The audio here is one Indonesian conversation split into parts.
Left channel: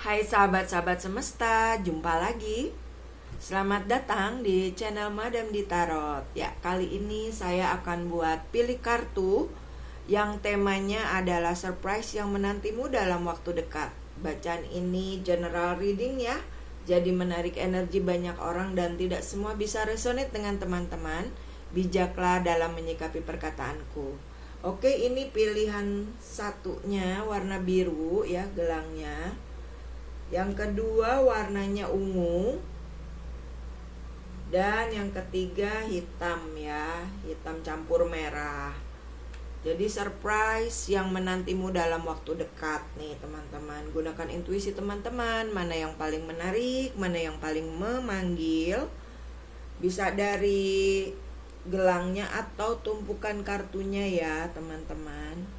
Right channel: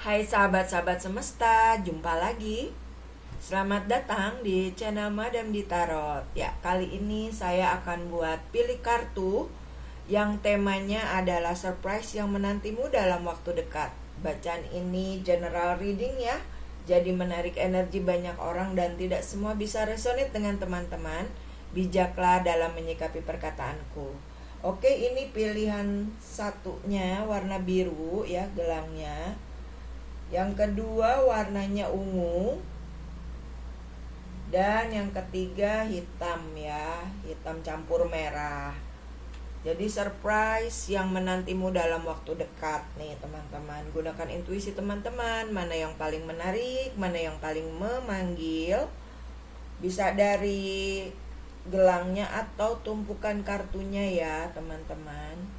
Hai sahabat-sahabat semesta, jumpa lagi. Selamat datang di channel Madam di Tarot. Ya, kali ini saya akan buat pilih kartu yang temanya adalah surprise yang menantimu dalam waktu dekat. Bacaan ini general reading ya. Jadi menarik energi banyak orang dan tidak semua bisa resonate dengan teman-teman. Bijaklah dalam menyikapi perkataanku. Oke, ini pilihan satunya warna biru ya gelangnya. Yang kedua warnanya ungu. Dan yang ketiga hitam ya, hitam campur merah. Jadi surprise yang menantimu dalam waktu dekat nih teman-teman. Gunakan intuisi teman-teman, mana yang paling menarik, mana yang paling memanggil. Bisa dari gelangnya atau tumpukan kartunya ya teman-teman.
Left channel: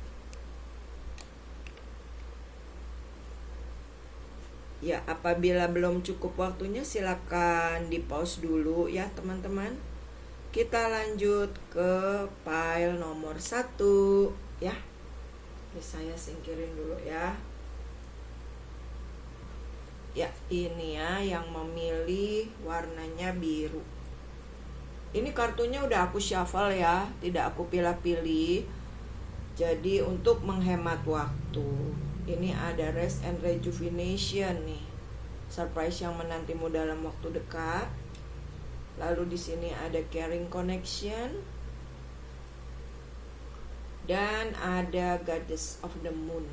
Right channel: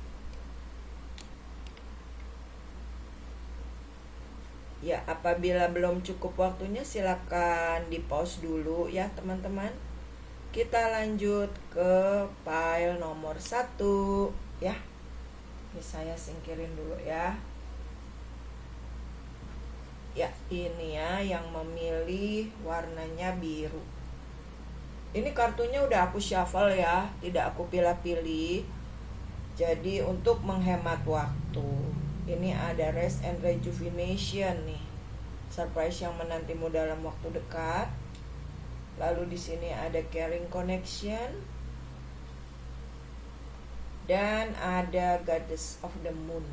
Ya, apabila belum cukup waktunya silakan di pause dulu ya teman-teman. Kita lanjut ke file nomor 1 ya. Ini saya singkirin dulu ya. Ya, ini ya yang memilih warnanya biru. Ini kartunya udah aku shuffle ya, tidak aku pilih-pilih. Jadi untuk menghemat waktu, ini ada rest and rejuvenation nih. Surprise yang menantimu dalam waktu dekat. Lalu di sini ada caring connection. Dan ada goddess of the moon.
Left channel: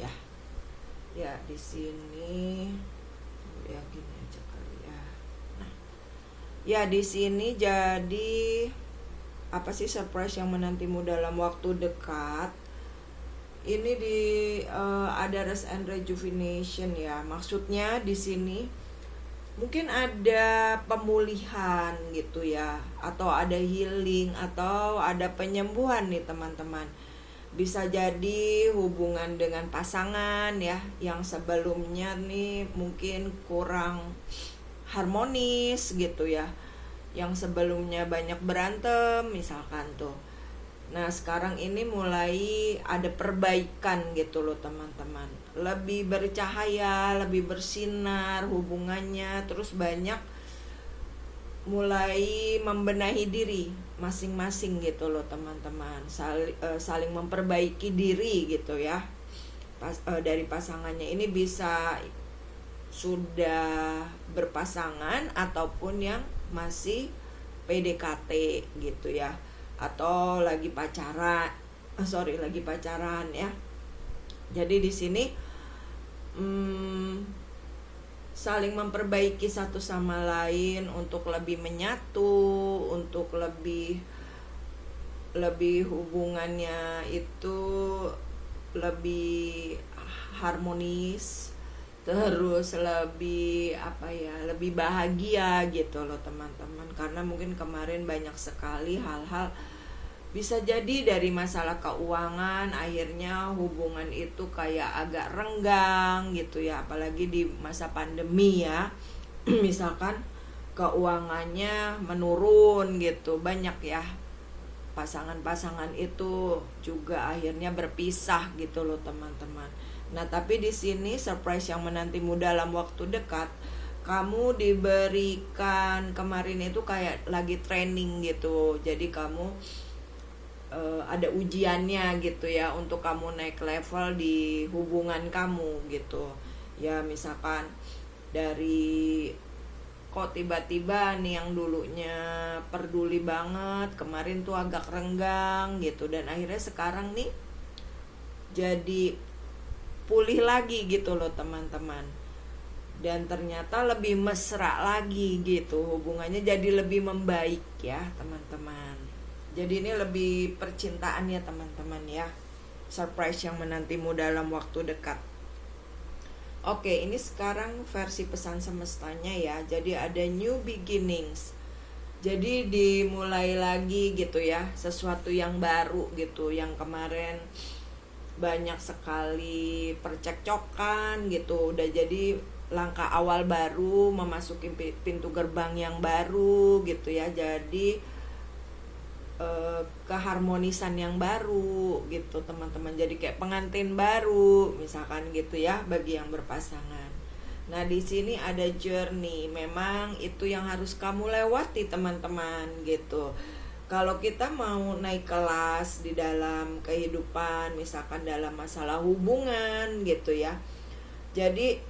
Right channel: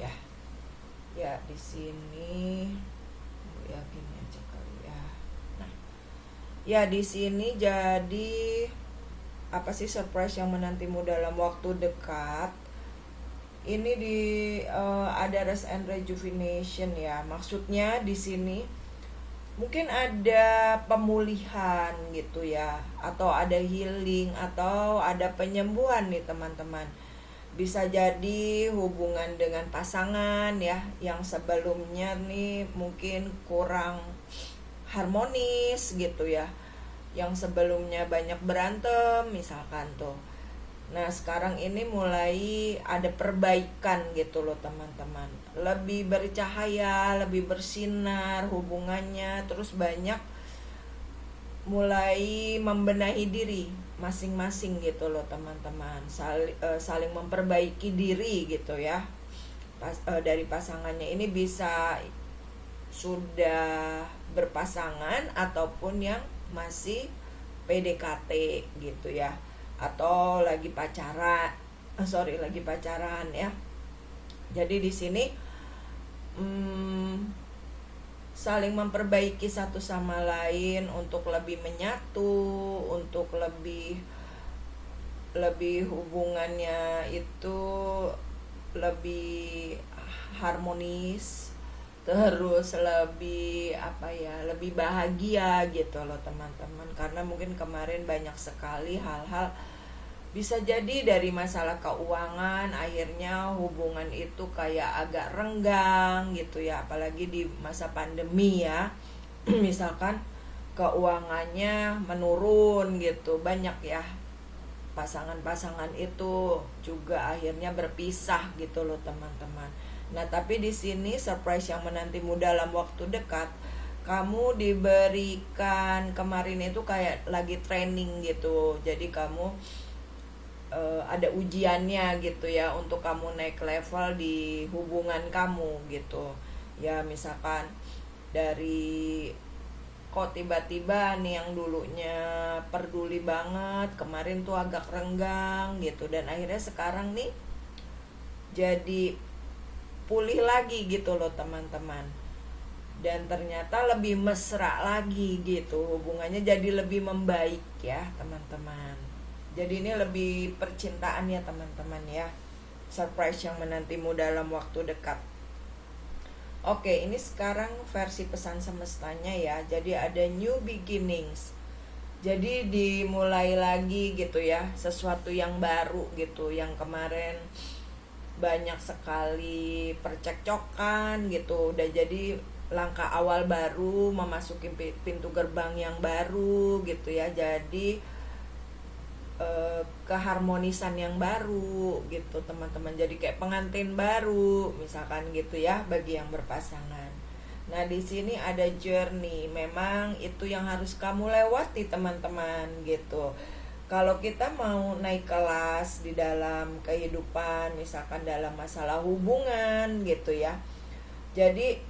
Ya. Ya, di sini ya gini aja kali ya. Nah, ya di sini jadi apa sih surprise yang menantimu dalam waktu dekat? Ini di ada rest and rejuvenation ya. Maksudnya di sini mungkin ada pemulihan gitu ya, atau ada healing, atau ada penyembuhan nih teman-teman. Bisa jadi hubungan dengan pasangan ya, yang sebelumnya nih mungkin kurang harmonis gitu ya, yang sebelumnya banyak berantem misalkan tuh. Nah sekarang ini mulai ada perbaikan gitu loh teman-teman. Lebih bercahaya, lebih bersinar hubungannya. Terus banyak mulai membenahi diri masing-masing gitu loh teman-teman. Saling memperbaiki diri gitu ya. Dari pasangannya ini bisa sudah berpasangan ataupun yang masih PDKT gitu ya, atau lagi pacaran, lagi pacaran ya. Jadi di sini saling memperbaiki satu sama lain untuk lebih menyatu, untuk lebih hubungannya itu lebih harmonis, terus lebih lebih bahagia gitu loh teman-teman. Karena mungkin kemarin banyak sekali hal-hal, bisa jadi dari masalah keuangan akhirnya hubungan itu kayak agak renggang gitu ya, apalagi di masa pandemi ya. Misalkan keuangannya menurun gitu, banyak ya pasangan-pasangan itu juga akhirnya berpisah gitu loh teman-teman. Nah, tapi di sini surprise yang menantimu dalam waktu dekat, kamu diberikan kemarin itu kayak lagi training gitu. Jadi kamu ada ujiannya gitu ya, untuk kamu naik level di hubungan kamu gitu. Ya misalkan dari kok tiba-tiba nih yang dulunya peduli banget, kemarin tuh agak renggang gitu, dan akhirnya sekarang nih jadi pulih lagi gitu loh teman-teman. Dan ternyata lebih mesra lagi gitu, hubungannya jadi lebih membaik ya teman-teman. Jadi ini lebih percintaan ya teman-teman ya. Surprise yang menantimu dalam waktu dekat. Oke, ini sekarang versi pesan semestanya ya. Jadi ada new beginnings. Jadi dimulai lagi gitu ya, sesuatu yang baru gitu. Yang kemarin banyak sekali percekcokan gitu, udah jadi langkah awal baru memasuki pintu gerbang yang baru gitu ya. Jadi keharmonisan yang baru gitu teman-teman. Jadi kayak pengantin baru misalkan gitu ya bagi yang berpasangan. Nah, di sini ada journey. Memang itu yang harus kamu lewati teman-teman gitu. Kalau kita mau naik kelas di dalam kehidupan, misalkan dalam masalah hubungan gitu ya. Jadi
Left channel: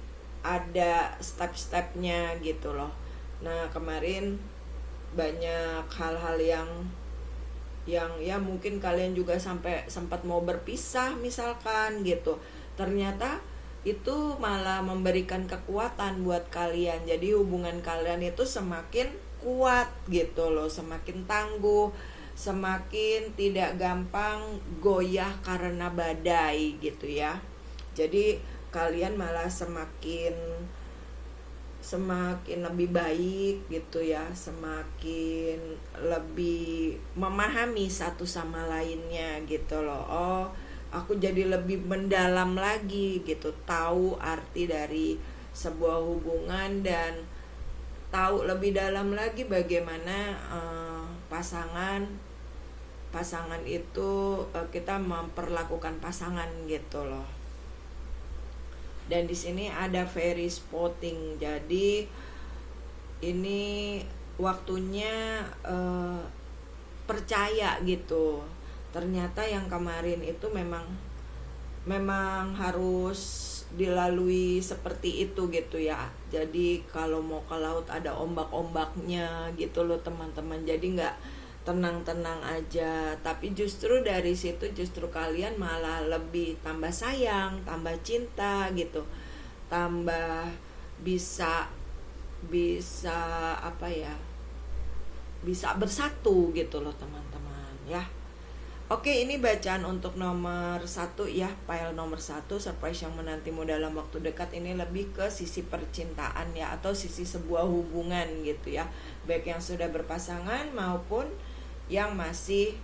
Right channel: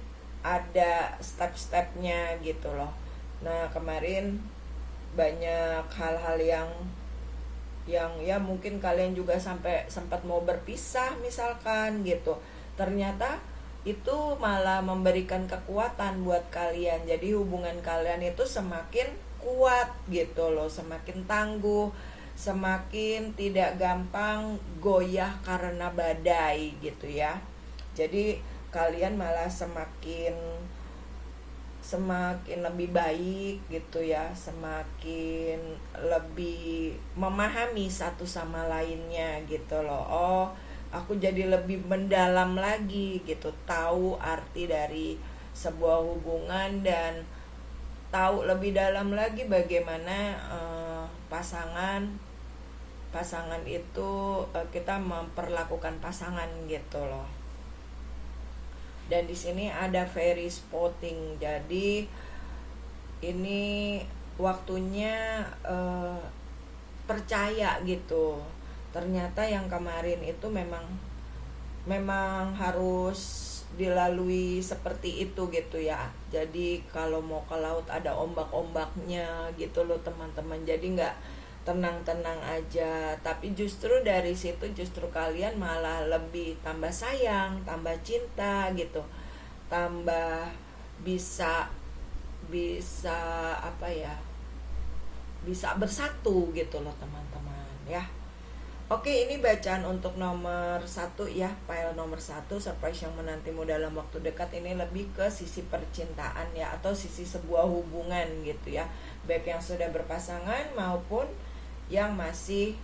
ada step-stepnya gitu loh. Nah, kemarin banyak hal-hal yang ya mungkin kalian juga sampai sempat mau berpisah misalkan gitu. Ternyata itu malah memberikan kekuatan buat kalian. Jadi hubungan kalian itu semakin kuat gitu loh, semakin tangguh, semakin tidak gampang goyah karena badai gitu ya. Jadi kalian malah semakin lebih baik gitu ya, semakin lebih memahami satu sama lainnya gitu loh. Oh, aku jadi lebih mendalam lagi gitu, tahu arti dari sebuah hubungan dan tahu lebih dalam lagi bagaimana pasangan itu kita memperlakukan pasangan gitu loh. Dan di sini ada fairy spotting. Jadi ini waktunya percaya gitu. Ternyata yang kemarin itu memang harus dilalui seperti itu gitu ya. Jadi kalau mau ke laut ada ombak-ombaknya gitu loh teman-teman. Jadi nggak tenang-tenang aja, tapi justru dari situ justru kalian malah lebih tambah sayang, tambah cinta gitu, tambah bisa apa ya, bisa bersatu gitu loh teman-teman ya. Oke, ini bacaan untuk nomor 1 ya, file nomor 1, surprise yang menantimu dalam waktu dekat. Ini lebih ke sisi percintaan ya, atau sisi sebuah hubungan gitu ya, baik yang sudah berpasangan maupun yang masih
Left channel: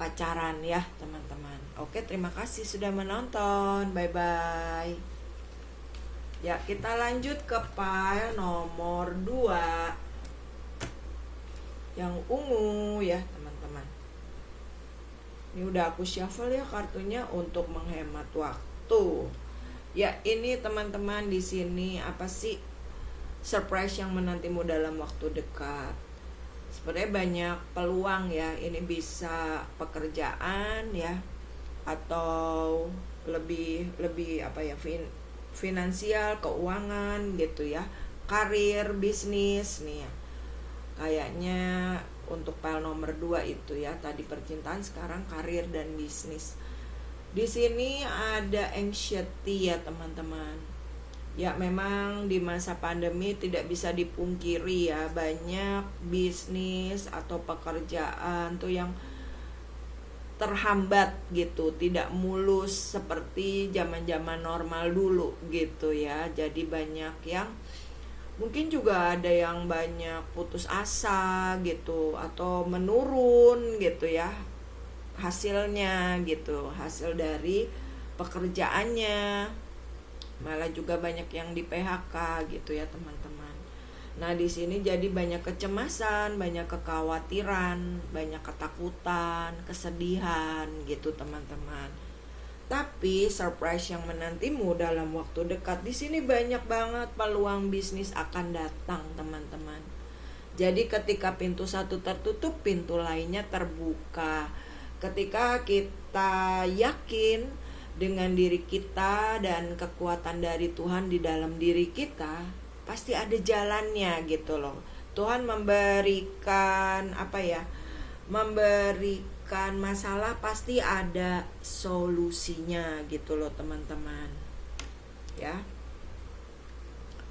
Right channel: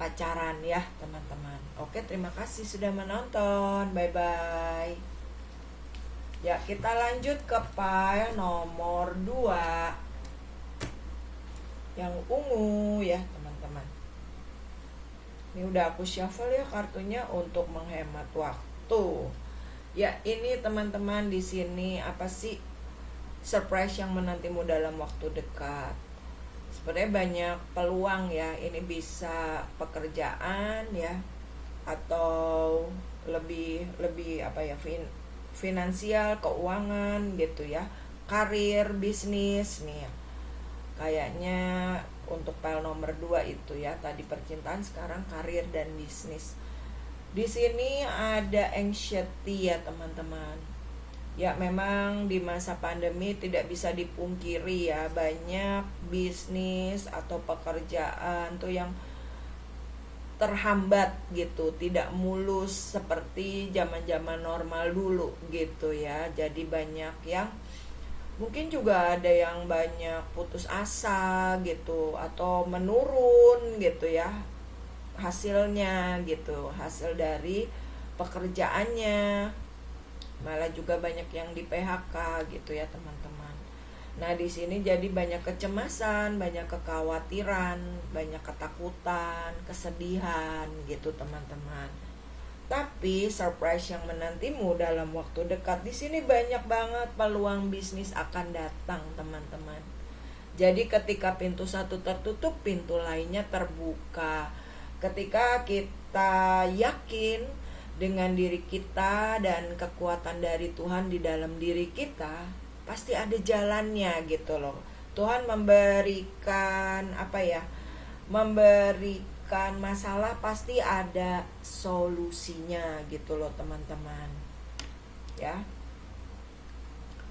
pacaran ya teman-teman. Oke, terima kasih sudah menonton. Bye bye. Ya, kita lanjut ke file nomor 2 yang ungu ya teman-teman. Ini udah aku shuffle ya kartunya untuk menghemat waktu. Ya, ini teman-teman di sini apa sih surprise yang menantimu dalam waktu dekat? Sebenarnya banyak peluang ya, ini bisa pekerjaan ya, atau lebih apa ya, finansial, keuangan gitu ya, karir, bisnis nih ya. Kayaknya untuk file nomor 2 itu ya, tadi percintaan, sekarang karir dan bisnis. Di sini ada anxiety ya teman-teman. Ya, memang di masa pandemi tidak bisa dipungkiri ya, banyak bisnis atau pekerjaan tuh yang terhambat gitu, tidak mulus seperti zaman-zaman normal dulu gitu ya. Jadi banyak yang mungkin juga ada yang banyak putus asa gitu, atau menurun gitu ya hasilnya gitu, hasil dari pekerjaannya. Malah juga banyak yang di PHK gitu ya teman-teman. Nah, di sini jadi banyak kecemasan, banyak kekhawatiran, banyak ketakutan, kesedihan gitu teman-teman. Tapi surprise yang menantimu dalam waktu dekat, di sini banyak banget peluang bisnis akan datang teman-teman. Jadi ketika pintu satu tertutup, pintu lainnya terbuka. Ketika kita yakin dengan diri kita dan kekuatan dari Tuhan di dalam diri kita, pasti ada jalannya gitu loh. Tuhan memberikan apa ya, memberikan masalah, pasti ada solusinya gitu loh teman-teman ya,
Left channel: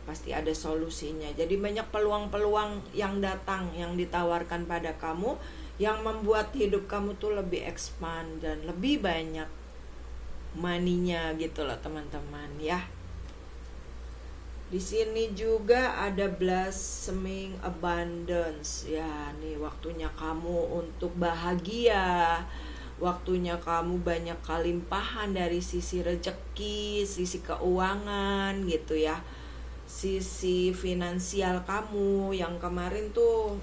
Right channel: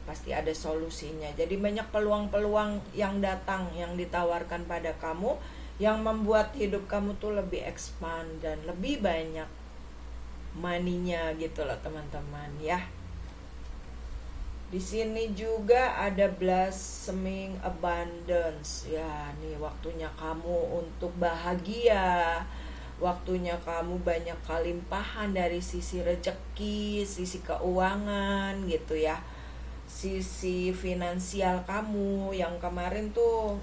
pasti ada solusinya. Jadi banyak peluang-peluang yang datang, yang ditawarkan pada kamu, yang membuat hidup kamu tuh lebih expand dan lebih banyak maninya gitu loh teman-teman ya. Di sini juga ada blossoming abundance ya. Nih waktunya kamu untuk bahagia, waktunya kamu banyak kelimpahan dari sisi rezeki, sisi keuangan gitu ya, sisi finansial kamu yang kemarin tuh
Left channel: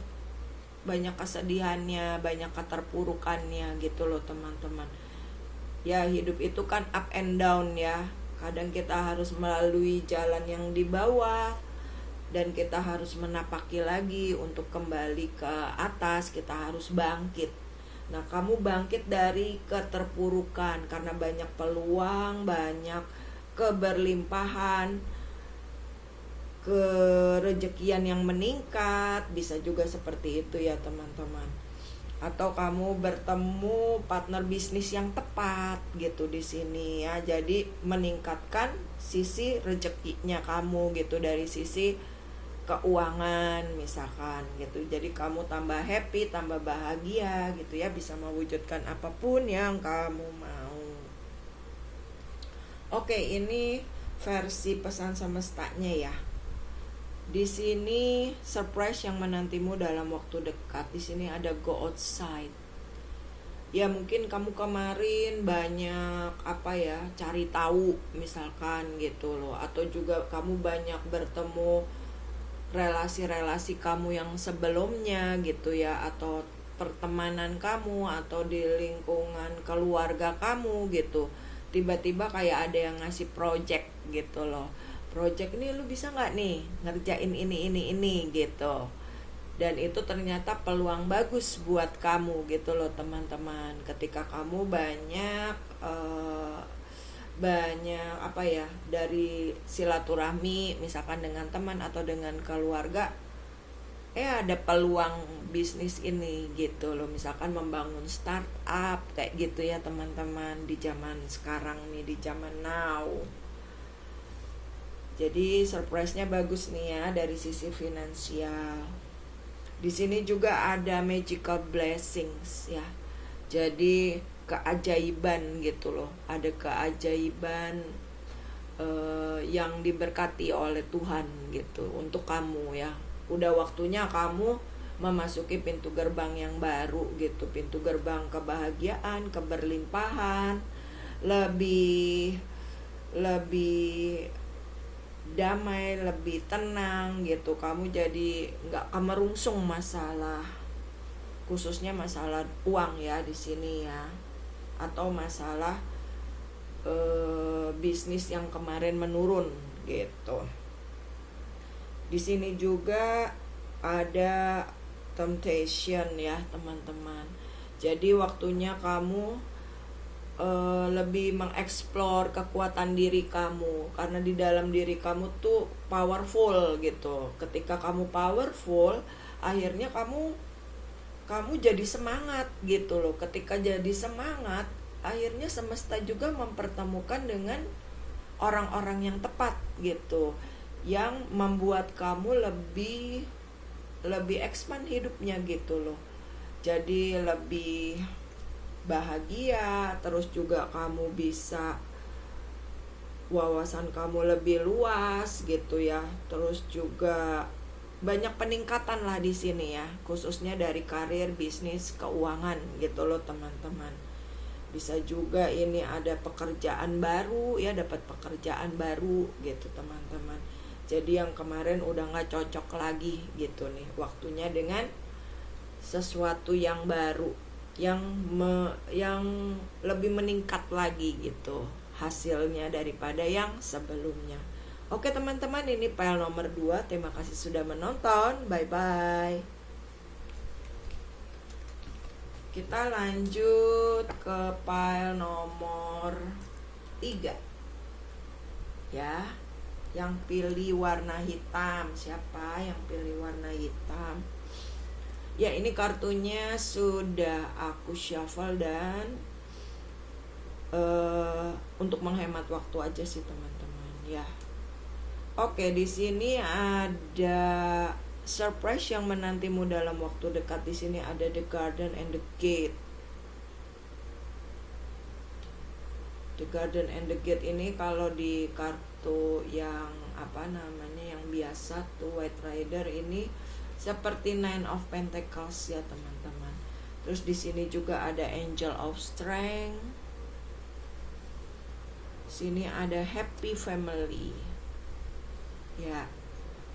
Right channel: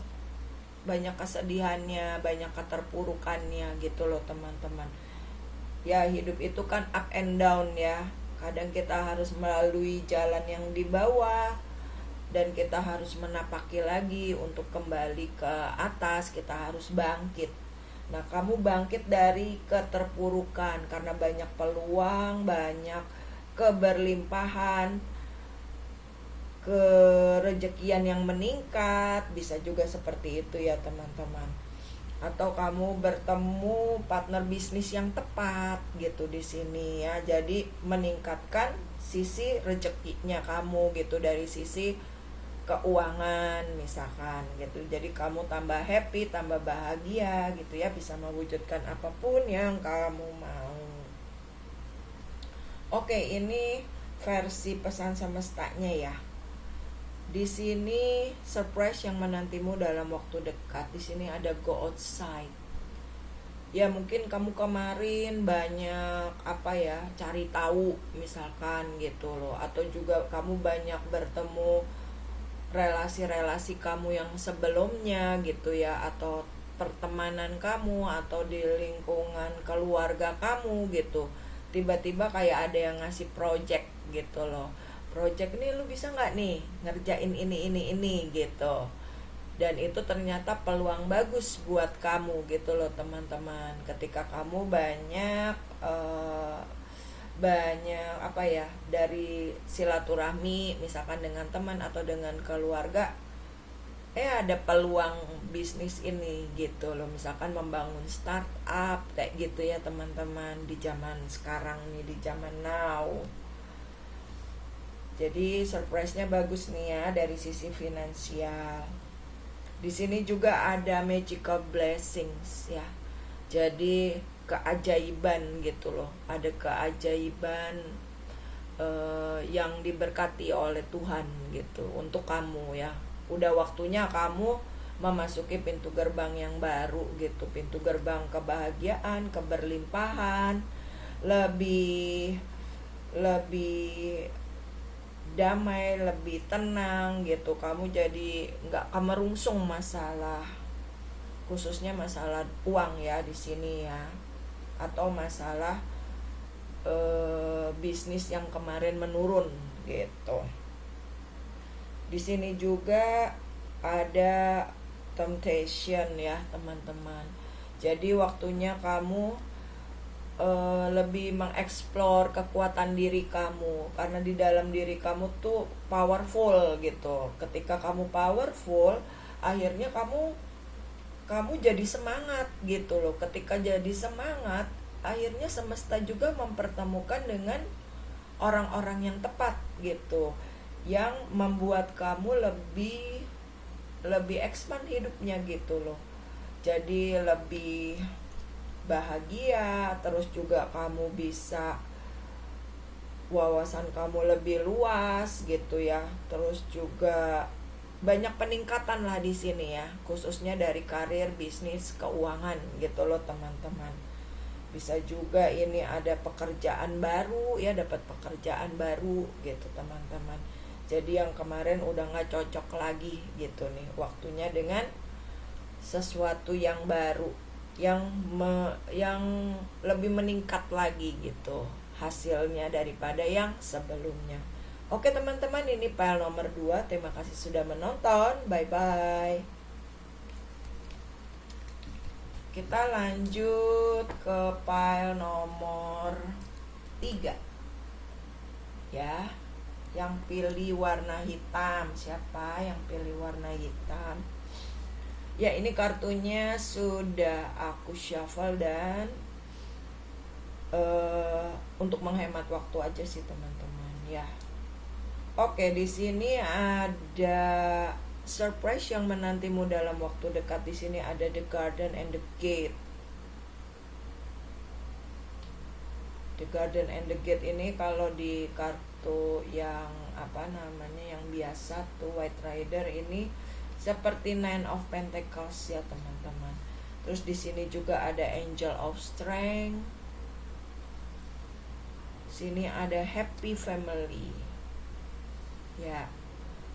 banyak kesedihannya, banyak keterpurukannya gitu loh teman-teman. Ya hidup itu kan up and down ya. Kadang kita harus melalui jalan yang di bawah, dan kita harus menapaki lagi untuk kembali ke atas. Kita harus bangkit. Nah, kamu bangkit dari keterpurukan karena banyak peluang, banyak keberlimpahan, kerejekian yang meningkat, bisa juga seperti itu ya teman-teman. Atau kamu bertemu partner bisnis yang tepat gitu di sini ya. Jadi meningkatkan sisi rezekinya kamu gitu, dari sisi keuangan misalkan gitu. Jadi kamu tambah happy, tambah bahagia gitu ya, bisa mewujudkan apapun yang kamu mau. Oke, ini versi pesan semestanya ya. Di sini surprise yang menantimu dalam waktu dekat. Di sini ada go outside. Ya mungkin kamu kemarin banyak cari tahu misalkan gitu loh, atau juga kamu banyak bertemu relasi-relasi kamu yang sebelumnya gitu ya, atau pertemanan kamu, atau di lingkungan keluarga kamu gitu. Tiba-tiba kayak ada yang ngasih project gitu loh. Project ini lu bisa nggak nih ngerjain ini gitu. Dan itu ternyata peluang bagus buat kamu gitu loh teman-teman. Ketika kamu banyak dari silaturahmi misalkan dengan teman atau dengan keluarga, ada peluang bisnis ini gitu loh, misalkan membangun startup kayak gitu ya teman-teman, di zaman sekarang nih, di zaman now. Jadi surprise-nya bagus nih ya dari sisi finansial. Di sini juga ada magical blessings ya. Jadi keajaiban gitu loh. Ada keajaiban yang diberkati oleh Tuhan gitu untuk kamu ya. Udah waktunya kamu memasuki pintu gerbang yang baru gitu, pintu gerbang kebahagiaan, keberlimpahan, lebih damai, lebih tenang gitu. Kamu jadi nggak kemerungsung masalah, khususnya masalah uang ya di sini ya, atau masalah bisnis yang kemarin menurun gitu. Di sini juga ada temptation ya teman-teman. Jadi waktunya kamu lebih mengeksplor kekuatan diri kamu, karena di dalam diri kamu tuh powerful gitu. Ketika kamu powerful, akhirnya kamu jadi semangat gitu loh. Ketika jadi semangat, akhirnya semesta juga mempertemukan dengan orang-orang yang tepat gitu, yang membuat kamu lebih expand hidupnya gitu loh. Jadi lebih bahagia, terus juga kamu bisa wawasan kamu lebih luas gitu ya. Terus juga banyak peningkatan lah di sini ya, khususnya dari karir, bisnis, keuangan gitu loh teman-teman. Bisa juga ini ada pekerjaan baru ya, dapat pekerjaan baru gitu teman-teman. Jadi yang kemarin udah gak cocok lagi gitu nih, waktunya dengan sesuatu yang baru, yang lebih meningkat lagi gitu hasilnya daripada yang sebelumnya. Oke teman-teman, ini file nomor 2. Terima kasih sudah menonton. Bye bye. Kita lanjut ke file nomor 3 ya. Yang pilih warna hitam, siapa yang pilih warna hitam? Ya, ini kartunya sudah aku shuffle dan untuk menghemat waktu aja sih teman-teman ya. Oke, di sini ada surprise yang menantimu dalam waktu dekat. Di sini ada the garden and the gate. The garden and the gate ini kalau di kartu yang yang biasa tuh White Rider ini seperti Nine of Pentacles ya teman-teman. Terus di sini juga ada Angel of Strength. Sini ada Happy Family. Ya,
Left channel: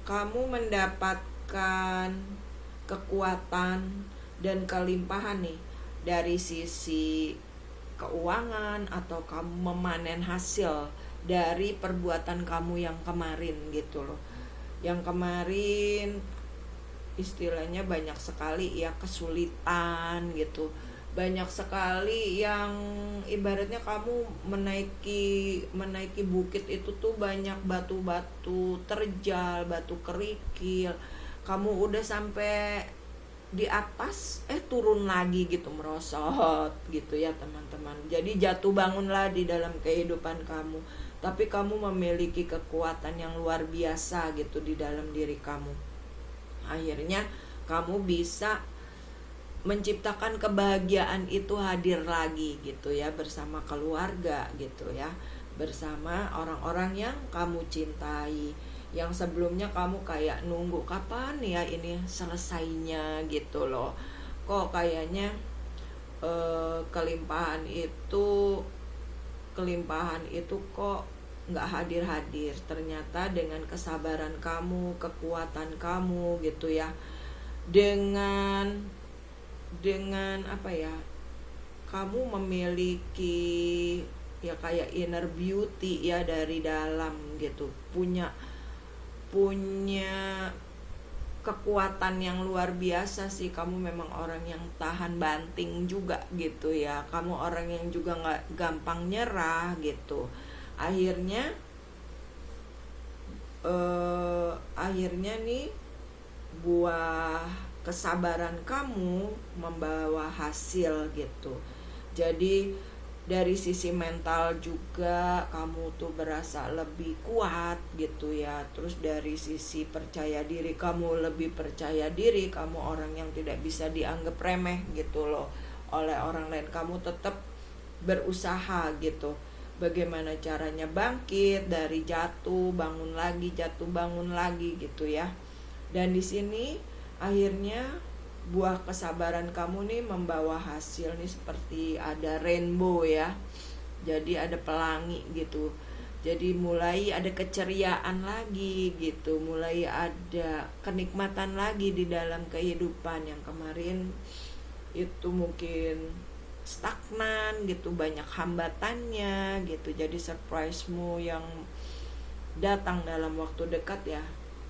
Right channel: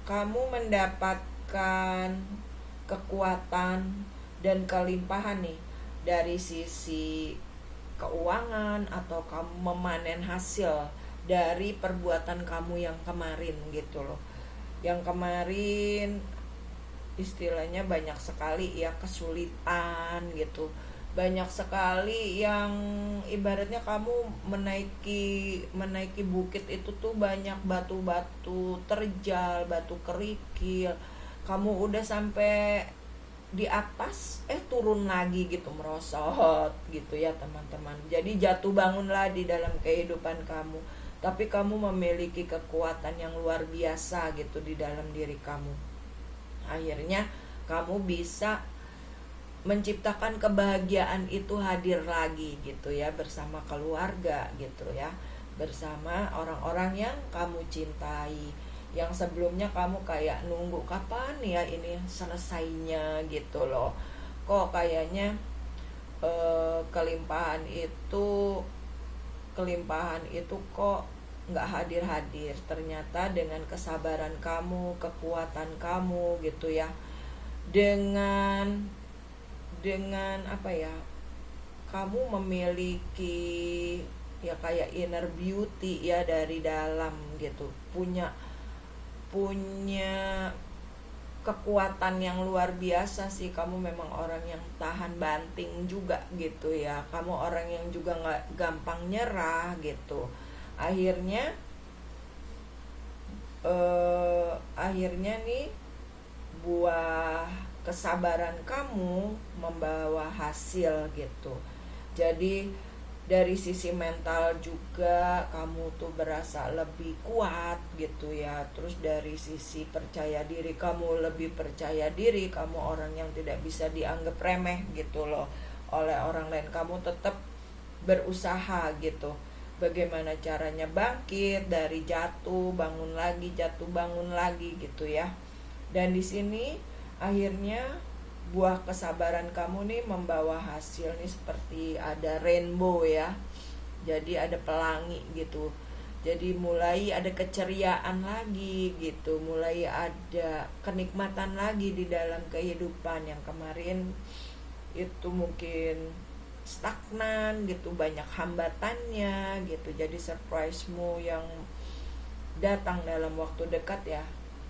kamu mendapatkan kekuatan dan kelimpahan nih dari sisi keuangan, atau kamu memanen hasil dari perbuatan kamu yang kemarin gitu loh. Yang kemarin istilahnya banyak sekali ya kesulitan gitu, banyak sekali yang ibaratnya kamu menaiki bukit itu tuh banyak batu-batu terjal, batu kerikil, kamu udah sampai di atas turun lagi gitu, merosot gitu ya teman-teman. Jadi jatuh bangunlah di dalam kehidupan kamu, tapi kamu memiliki kekuatan yang luar biasa gitu di dalam diri kamu. Akhirnya kamu bisa menciptakan kebahagiaan itu hadir lagi gitu ya, bersama keluarga gitu ya, bersama orang-orang yang kamu cintai. Yang sebelumnya kamu kayak nunggu kapan ya ini selesainya gitu loh, kok kayaknya kelimpahan itu kok nggak hadir. Ternyata dengan kesabaran kamu, kekuatan kamu gitu ya, dengan apa ya, kamu memiliki ya kayak inner beauty ya dari dalam gitu, punya kekuatan yang luar biasa sih. Kamu memang orang yang tahan banting juga gitu ya, kamu orang yang juga nggak gampang nyerah gitu. Akhirnya nih buah kesabaran kamu membawa hasil gitu. Jadi dari sisi mental juga kamu tuh berasa lebih kuat gitu ya. Terus dari sisi percaya diri, kamu lebih percaya diri, kamu orang yang tidak bisa dianggap remeh gitu loh oleh orang lain. Kamu tetap berusaha gitu, bagaimana caranya bangkit dari jatuh bangun lagi gitu ya. Dan di sini akhirnya buah kesabaran kamu nih membawa hasil nih, seperti ada rainbow ya, jadi ada pelangi gitu. Jadi mulai ada keceriaan lagi gitu, mulai ada kenikmatan lagi di dalam kehidupan. Yang kemarin itu mungkin stagnan gitu, banyak hambatannya gitu. Jadi surprise-mu yang datang dalam waktu dekat ya,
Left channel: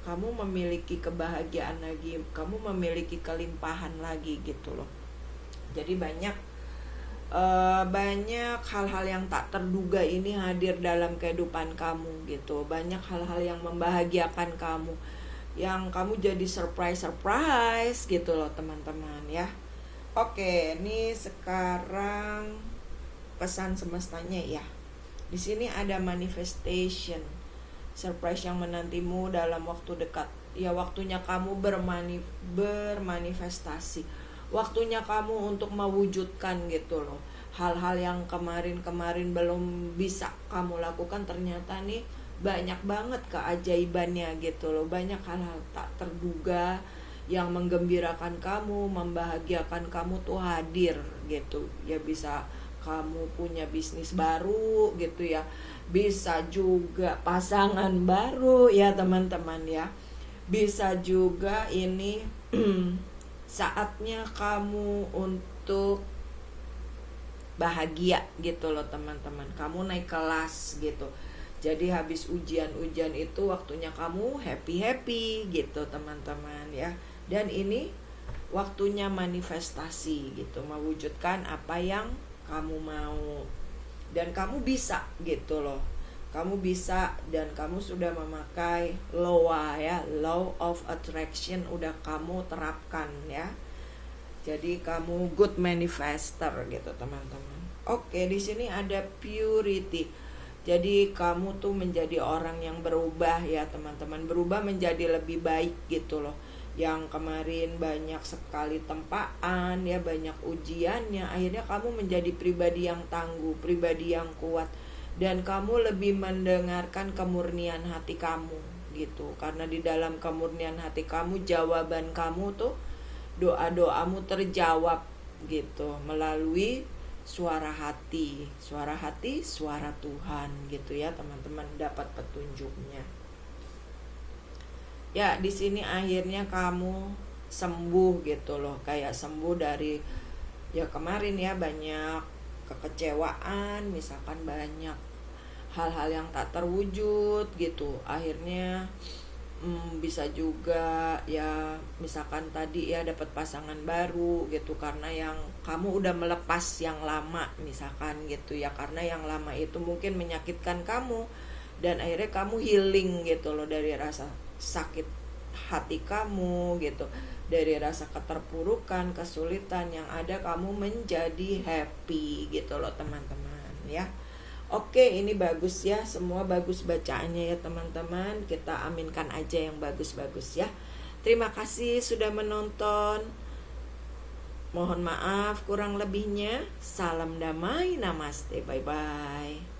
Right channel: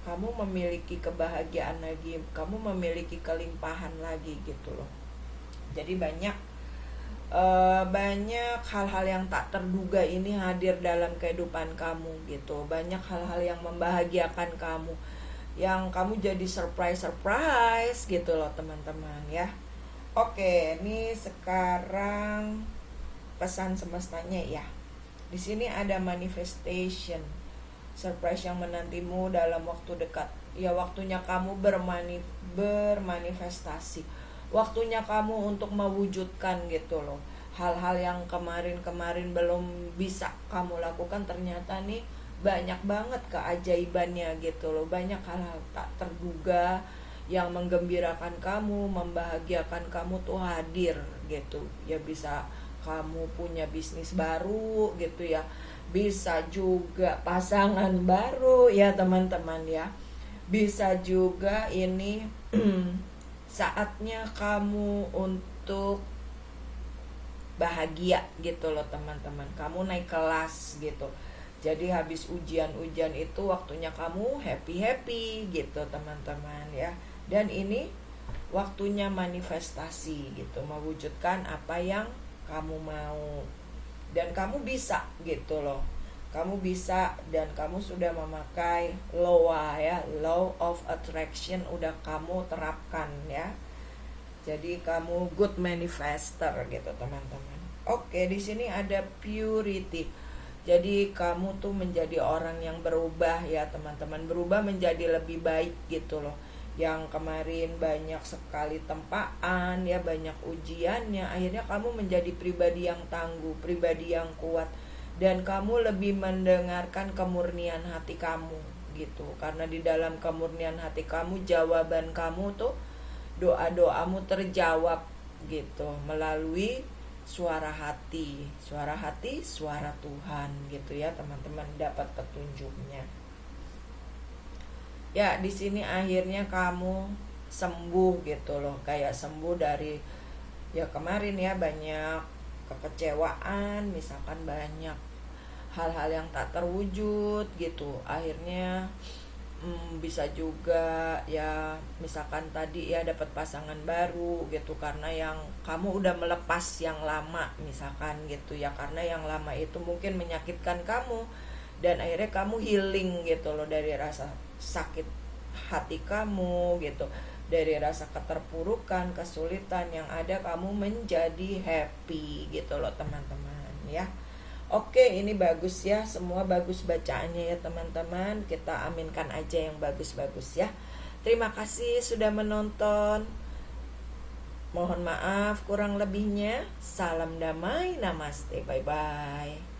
kamu memiliki kebahagiaan lagi, kamu memiliki kelimpahan lagi gitu loh. Jadi banyak hal-hal yang tak terduga ini hadir dalam kehidupan kamu gitu. Banyak hal-hal yang membahagiakan kamu, yang kamu jadi surprise gitu loh teman-teman ya. Oke, ini sekarang pesan semestanya ya. Di sini ada manifestation, surprise yang menantimu dalam waktu dekat. Ya, waktunya kamu bermanifestasi. Waktunya kamu untuk mewujudkan gitu loh. Hal-hal yang kemarin belum bisa kamu lakukan, ternyata nih banyak banget keajaibannya gitu loh. Banyak hal-hal tak terduga yang menggembirakan kamu, membahagiakan kamu tuh hadir gitu. Ya, bisa kamu punya bisnis baru gitu ya, bisa juga pasangan baru ya teman-teman ya, bisa juga ini saatnya kamu untuk bahagia gitu loh teman-teman. Kamu naik kelas gitu, jadi habis ujian itu waktunya kamu happy gitu teman-teman ya. Dan ini waktunya manifestasi gitu, mewujudkan apa yang kamu mau. Dan kamu bisa gitu loh, kamu bisa, dan kamu sudah memakai law of attraction, udah kamu terapkan ya. Jadi kamu good manifester gitu teman-teman. Oke, di sini ada purity. Jadi kamu tuh menjadi orang yang berubah ya teman-teman, berubah menjadi lebih baik gitu loh. Yang kemarin banyak sekali tempaan ya, banyak ujiannya, akhirnya kamu menjadi pribadi yang tangguh, pribadi yang kuat, dan kamu lebih mendengarkan kemurnian hati kamu gitu. Karena di dalam kemurnian hati kamu, jawaban kamu tuh, doa-doamu terjawab gitu melalui suara hati, suara Tuhan gitu ya teman-teman, dapat petunjuknya. Ya, di sini akhirnya kamu sembuh gitu loh, kayak sembuh dari ya kemarin ya banyak kekecewaan, misalkan banyak hal-hal yang tak terwujud gitu. Akhirnya bisa juga ya misalkan tadi ya dapat pasangan baru gitu karena yang kamu udah melepas yang lama misalkan gitu ya, karena yang lama itu mungkin menyakitkan kamu dan akhirnya kamu healing gitu loh dari rasa sakit hati kamu gitu, dari rasa keterpurukan, kesulitan, yang ada kamu menjadi happy gitu loh teman-teman ya. Oke, ini bagus ya, semua bagus bacaannya ya teman-teman. Kita aminkan aja yang bagus-bagus ya. Terima kasih sudah menonton. Mohon maaf kurang lebihnya. Salam damai, namaste, bye-bye.